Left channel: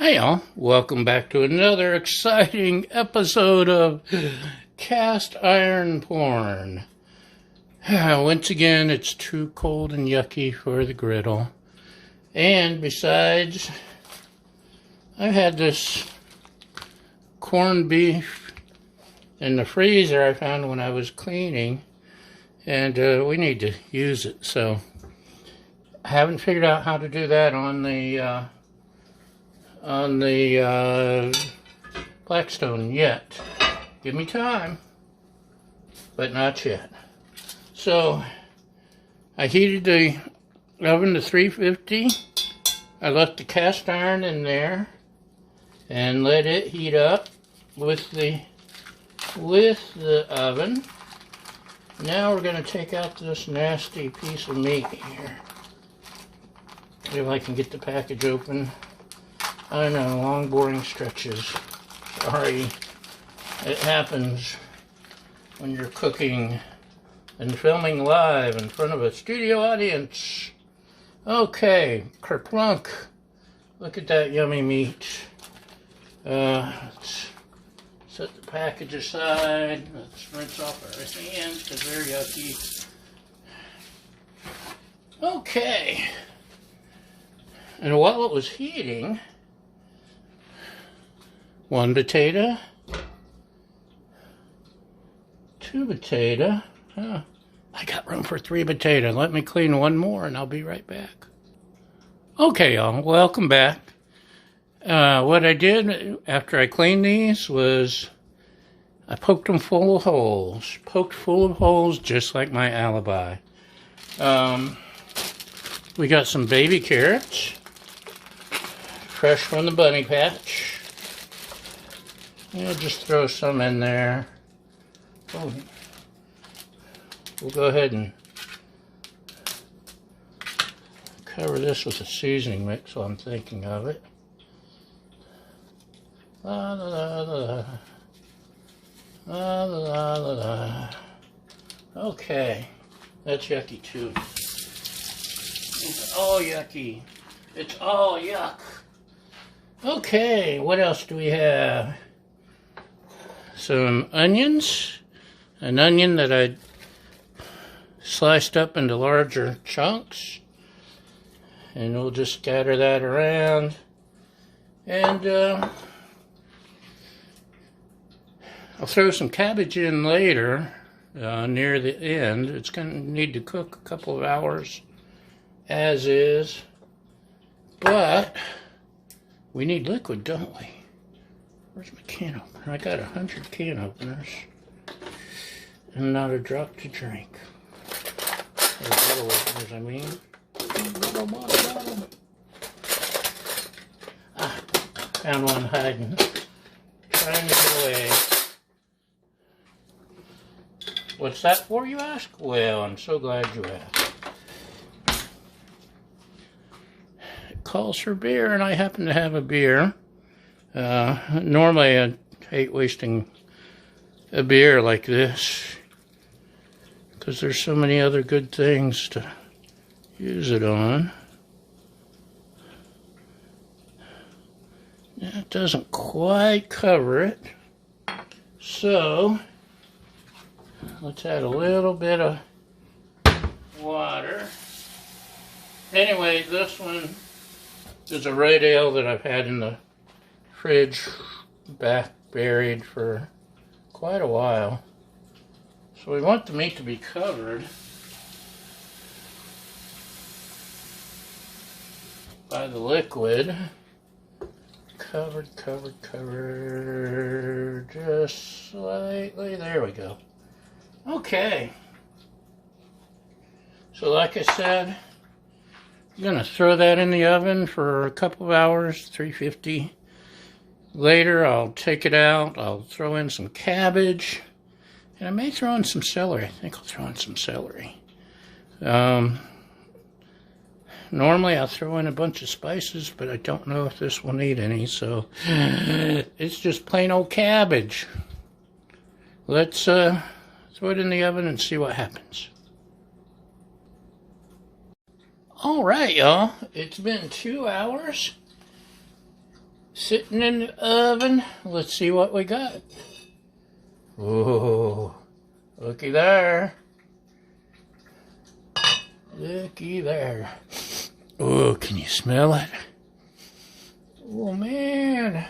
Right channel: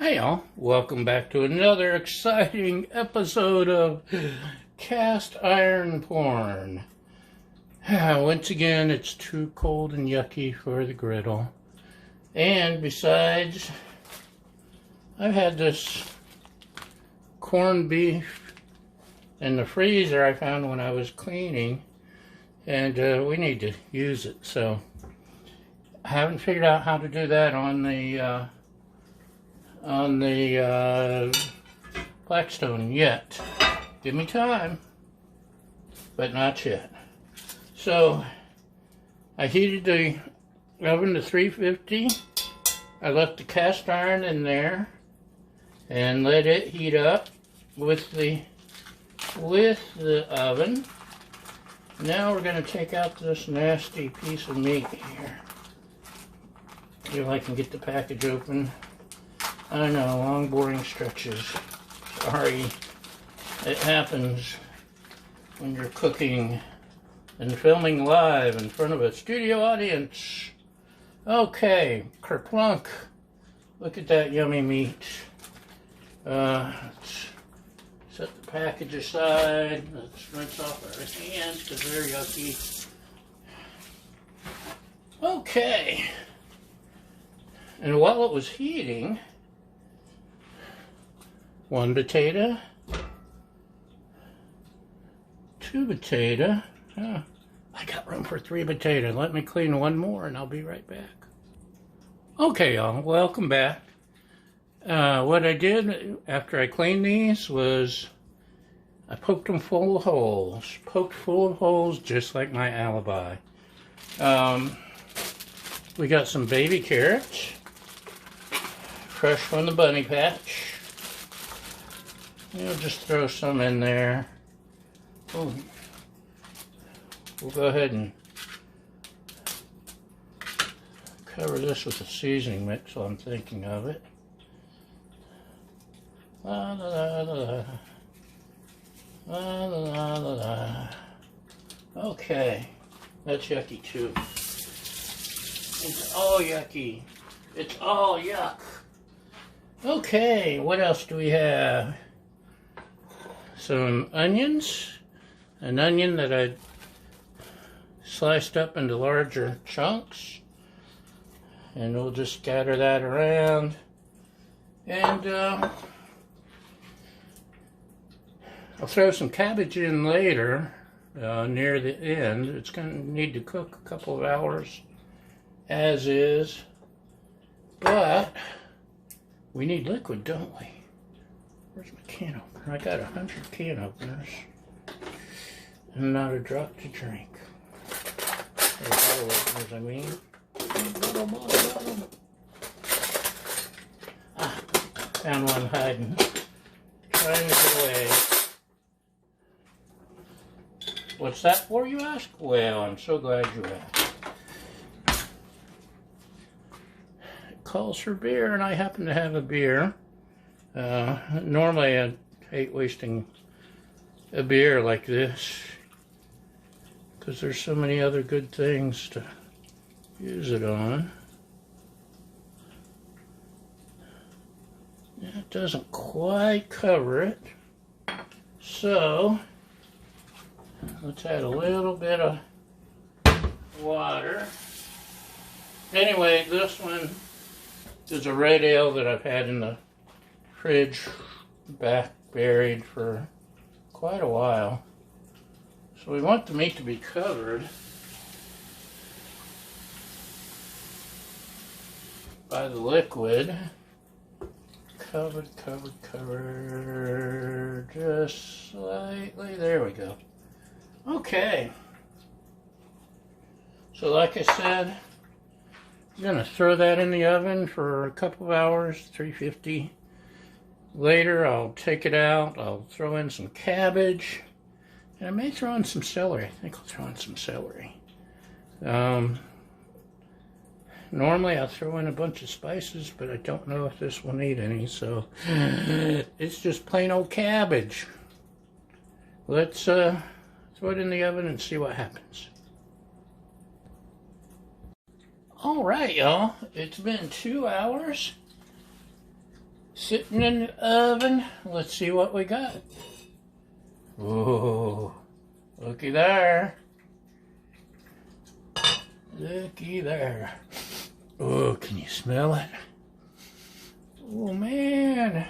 Hey y'all, welcome back to another exciting episode of Cast Iron Porn. Once again, it's too cold and yucky for the griddle. And besides, I've had this corned beef in the freezer I found when I was cleaning, and we need to use it. So I haven't figured out how to do that on the Blackstone yet. Give me time, but not yet. So I heated the oven to 350. I left the cast iron in there and let it heat up with the oven. Now we're going to take out this nasty piece of meat here. If I can get the package open. I know, long boring stretches. Sorry. It happens when you're cooking and filming live in front of a studio audience. Okay, kerplunk. Look at that yummy meat. Let's set the package aside. Let's rinse off our hands because they're yucky. Okay. And while it was heating, one potato, two potato. I got room for 3 potatoes. Let me clean one more and I'll be right back. Okay, y'all, welcome back. What I did after I cleaned these was I poked them full of holes. Poked full of holes just like my alibi. We got some baby carrots, fresh from the bunny patch. Just throw some in there. Oh, we'll go ahead and cover this with a seasoning mix while I'm thinking of it. La la la la la la la la. Okay, that's yucky too. It's all yucky. It's all yuck. Okay, what else do we have? Some onions, an onion that I sliced up into larger chunks, and we'll just scatter that around. And I'll throw some cabbage in later, near the end. It's going to need to cook a couple of hours as is, but we need liquid, don't we? Where's my can opener? I got 100 can openers and not a drop to drink. Or bottle openers, I mean. Bottle. Found one hiding. Trying to get away. What's that for, you ask? Well, I'm so glad you asked. It calls for beer, and I happen to have a beer. Normally I hate wasting a beer like this because there's so many other good things to use it on. That doesn't quite cover it, so let's add a little bit of water. Anyway, this one is a red ale that I've had in the fridge back buried for quite a while. So we want the meat to be covered by the liquid. Covered, just slightly. There we go. Okay. So like I said, I'm gonna throw that in the oven for a couple of hours, 350. Later, I'll take it out, I'll throw in some cabbage, and I may throw in some celery. I think I'll throw in some celery. Normally, I'll throw in a bunch of spices, but I don't know if this will need any, so it's just plain old cabbage. Let's throw it in the oven and see what happens. All right, y'all, it's been 2 hours sitting in the oven. Let's see what we got. Whoa, looky there. Looky there. Oh, can you smell it? Oh, man.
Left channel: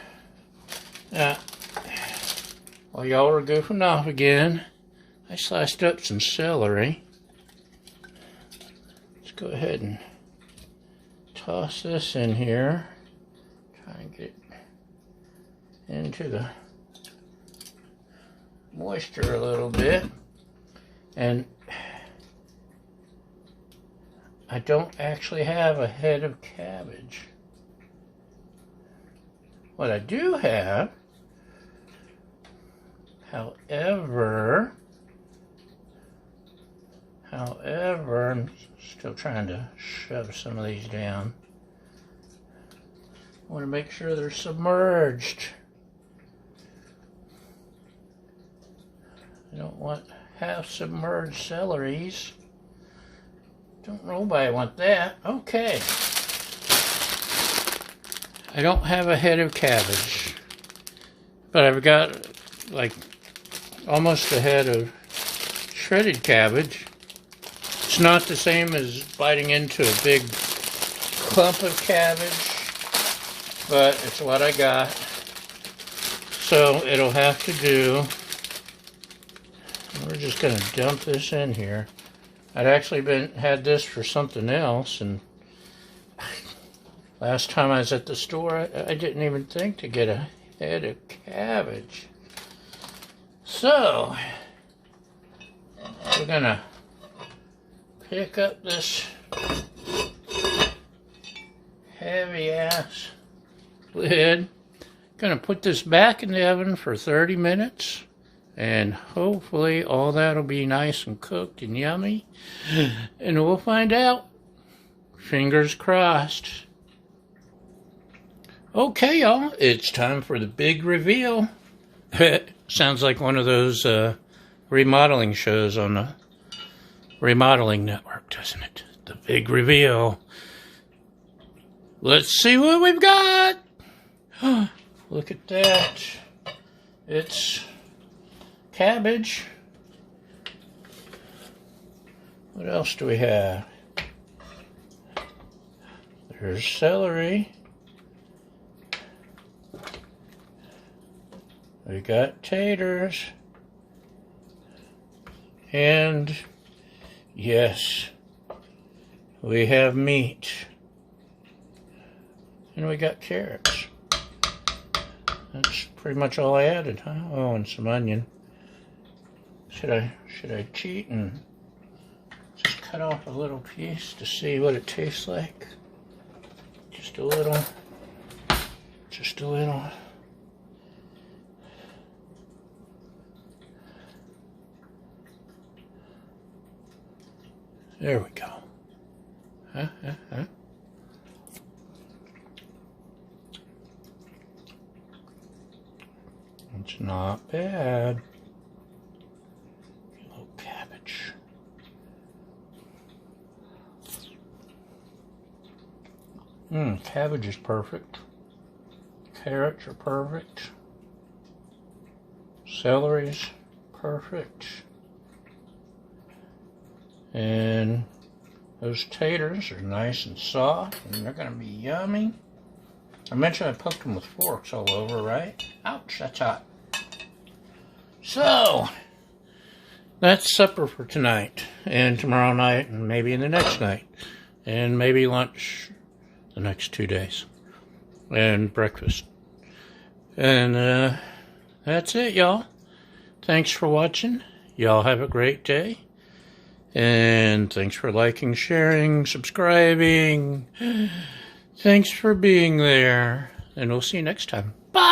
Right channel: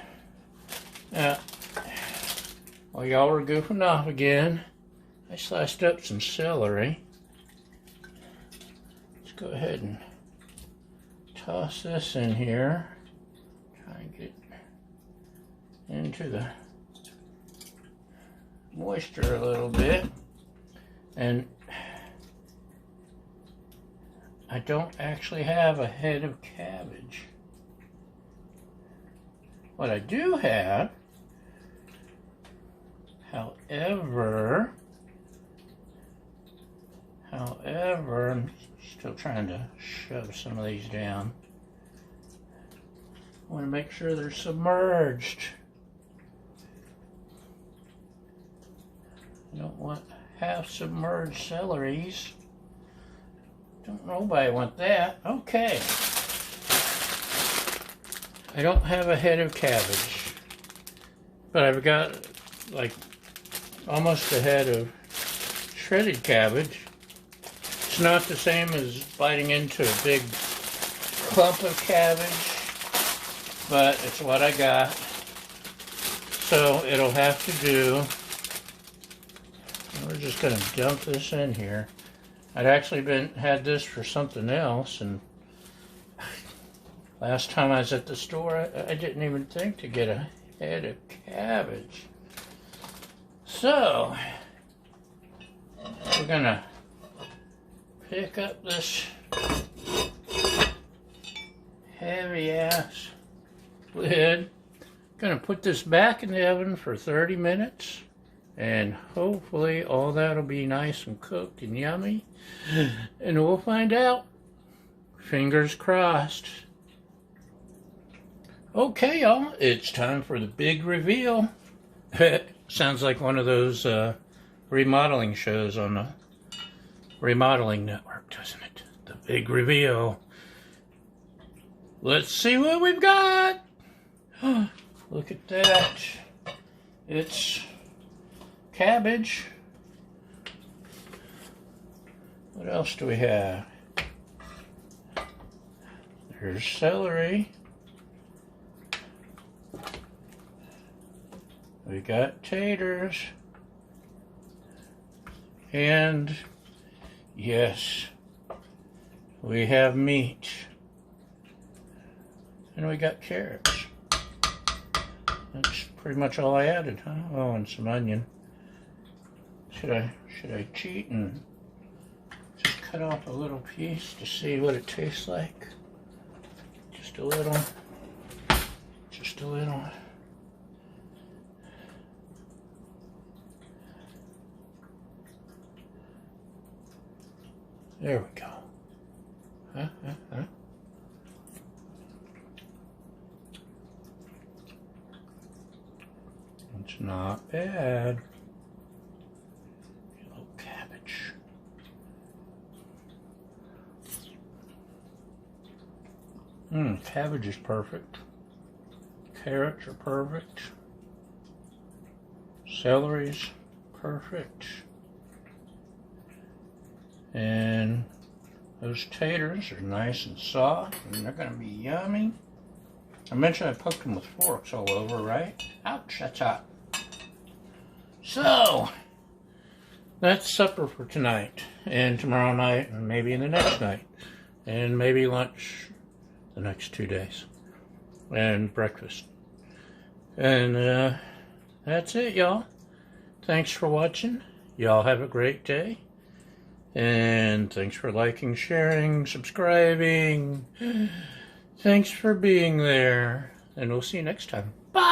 Now, while y'all were goofing off again, I sliced up some celery. Let's go ahead and toss this in here. Try and get it into the moisture a little bit. And I don't actually have a head of cabbage. What I do have, however, I'm still trying to shove some of these down. I want to make sure they're submerged. I don't want half submerged celeries. Don't nobody want that. Okay. I don't have a head of cabbage, but I've got like almost a head of shredded cabbage. It's not the same as biting into a big clump of cabbage, but it's what I got. So it'll have to do. We're just going to dump this in here. I'd actually had this for something else, and last time I was at the store, I didn't even think to get a head of cabbage. So, we're gonna pick up this heavy ass lid. Gonna put this back in the oven for 30 minutes. And hopefully all that'll be nice and cooked and yummy. And we'll find out. Fingers crossed. Okay, y'all. It's time for the big reveal. Sounds like one of those remodeling shows on the Remodeling Network, doesn't it? The big reveal. Let's see what we've got. Look at that. It's cabbage. What else do we have? There's celery. We got taters. And yes, we have meat. And we got carrots. That's pretty much all I added, huh? Oh, and some onion. Should I cheat and just cut off a little piece to see what it tastes like? Just a little. Just a little. There we go. It's not bad. Cabbage. Cabbage is perfect. Carrots are perfect. Celery's perfect. And those taters are nice and soft, and they're going to be yummy. I mentioned I poked them with forks all over, right? Ouch, that's hot. So, that's supper for tonight, and tomorrow night, and maybe the next night, and maybe lunch the next 2 days, and breakfast. And that's it, y'all. Thanks for watching. Y'all have a great day. And thanks for liking, sharing, subscribing. Thanks for being there. And we'll see you next time. Bye!